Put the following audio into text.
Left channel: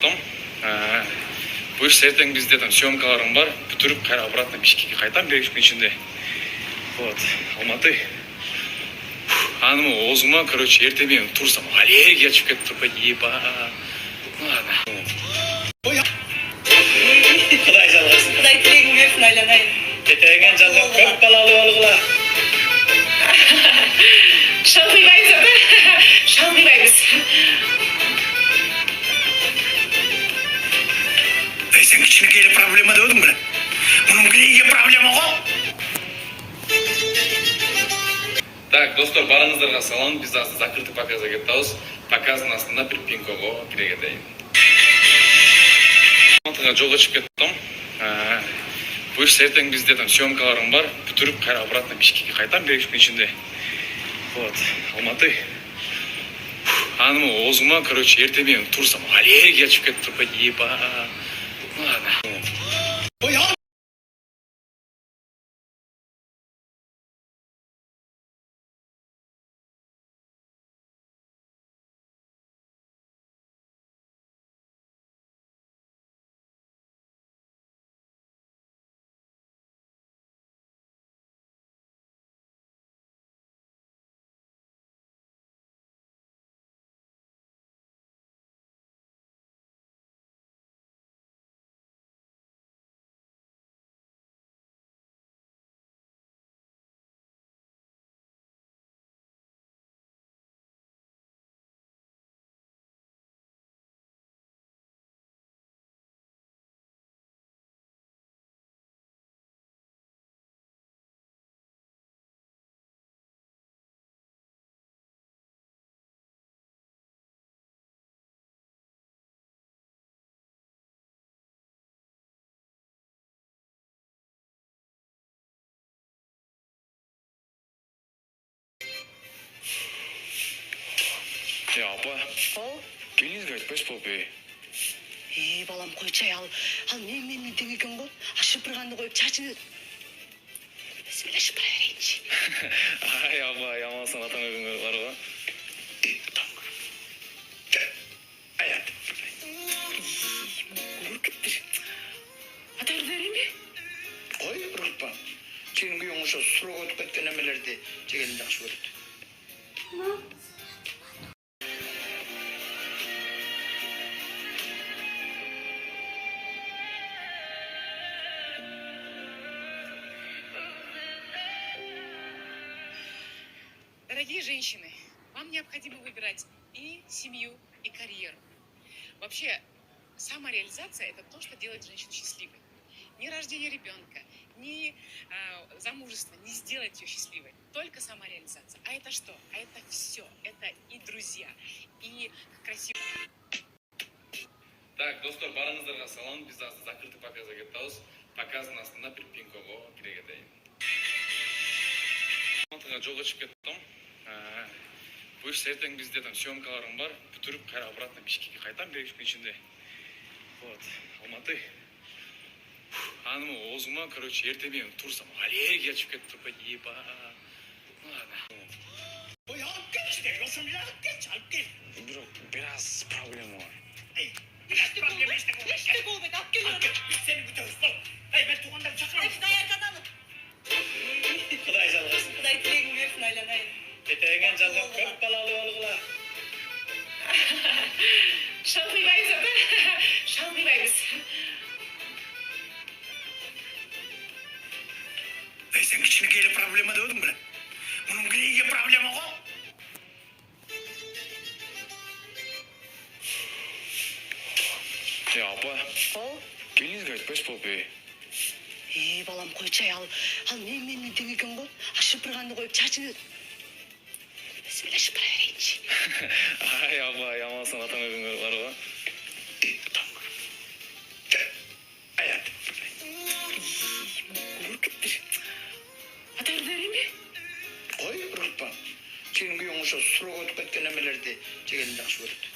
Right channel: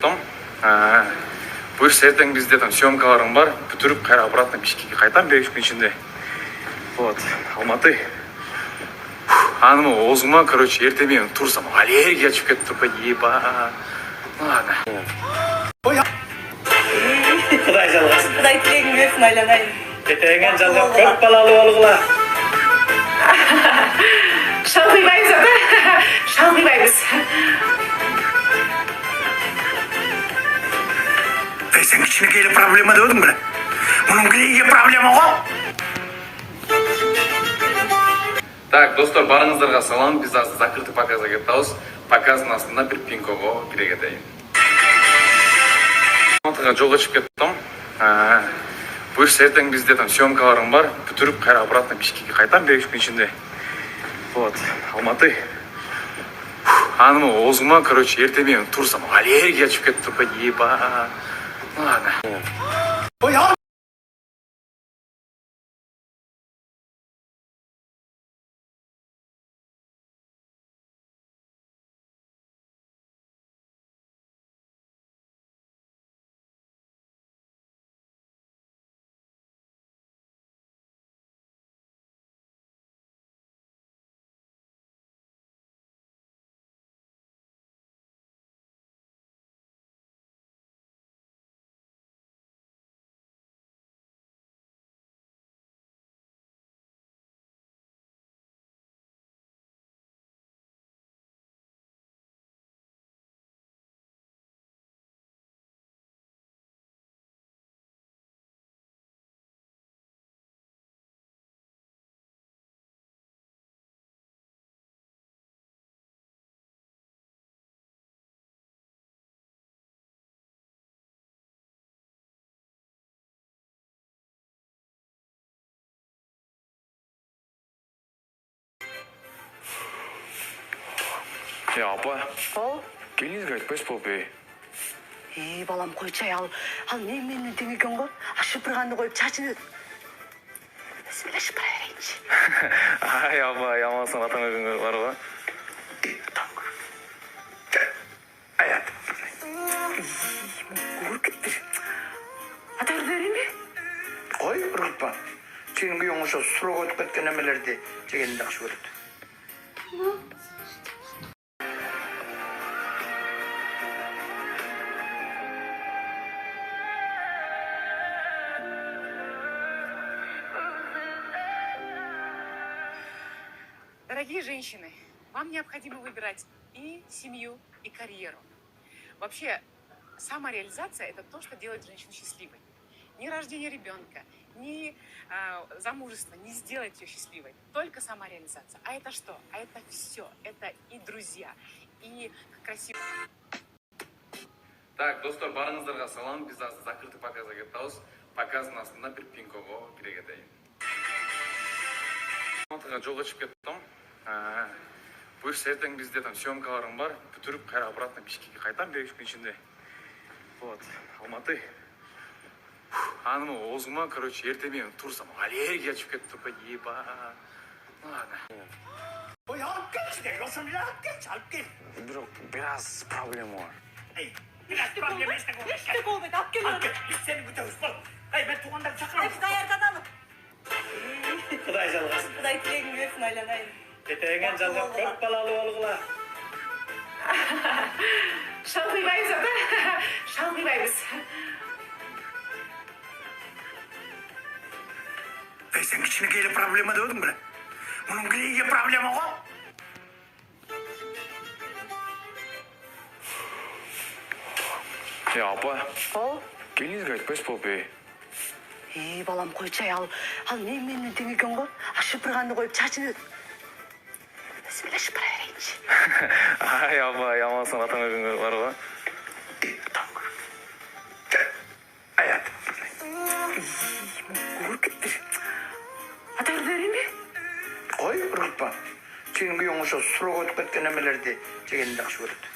Бұйырса ертең бізде там съемкаларым бар, бүтіріп қайра обратно Бишкекке қайтам бір 2 күн ішінде. Вот, Алматы. Анымы озыма, короче, ертемен тұрсам, аллергия шығып кетті тұрпайды, еба. Ладно. Құдай жалғасын. Құдай тілегін берсін, айланайын. Кетеген жалға көп балалы болғыла. Шалқибаймыз ата, шалқибаймыз. Сен кішінекейлі проблема деудің бі? Мұның кілейге проблема ғой? Так, достар, барыңыздарға салам. Біз азды закрытый показа кеттауыз. Показын астында бір пинкоға кіре кетейін. Алматыға жолға шығып кеттім. Бұйырса ертең бізде там съемкаларым бар, бүтіріп қайра обратно Бишкекке қайтам бір 2 күн ішінде. Вот, Алматы. Анымы озыма, короче, ертемен тұрсам, аллергия шығып кетті тұрпайды, еба. Ладно. Ya апа, келіңізге айтпайсыз болып ей. Балам қой чай ал менің тең екен ғой. Шыпырғанды қойып чачыны. Бісміллә шыпыра берейінші. Ай, апа, ямалсан атаң өгіңі бар ғой. Аят. Көркіттір. Атар дәрі ме? Ой, ұрғытпа. Сенің күйің ұша сұрық өтіп кеткен әмелерді жегенді ақшы көрді. Дорогие женщины, вам необходимо выбирать и семью, и карьеру. Вообще, самореализация – это то, что делает женщину счастливой. Ни рождение ребенка, ни замужество не сделает ее счастливой. Только самореализация. А это что? А это все. Это и друзья, и красиво. Так, достар, барыңыздарға салам. Біз азды закрытый показа кеттауыз. Показын астында бір пинкоға кіре кетейін. Алматыға жолға шығып кеттім. Бұйырса ертең бізде там съемкаларым бар, бүтіріп қайра обратно Бишкекке қайтам бір 2 күн ішінде. Вот, Алматы. Анымы озыма, короче, ертемен тұрсам, аллергия шығып кетті тұрпайды, еба. Ладно. Ой, алып кетші де, осымды алып кетші. Biraz проблема var. Ей, biraz проблема ешті қол. Ешті қол бет, алып келі. Алып кет, біз сені күтеміз бол. Ей, мен туғандарды шақырамыз. Қайардан алып. Құдай жалғасын. Құдай тілегін берсін, айланайын. Кетеген жалға көп балалы болғыла. Шалқибаймыз ата, шалқибаймыз. Сен кішінекейлі проблема деудің бі? Мұның кілейге проблема ғой? Ya апа, келіңізге айтпайсыз болып ей. Балам қой чай ал менің тең екен ғой. Шыпырғанды қойып чачыны. Бісміллә шыпыра берейінші. Ай, апа, ямалсан атаң өгіңі бар ғой. Аят. Көркіттір. Атар дәрі ме? Ой, ұрғытпа. Сенің күйің ұша сұрық өтіп кеткен әмелерді жегенді ақшы көрді.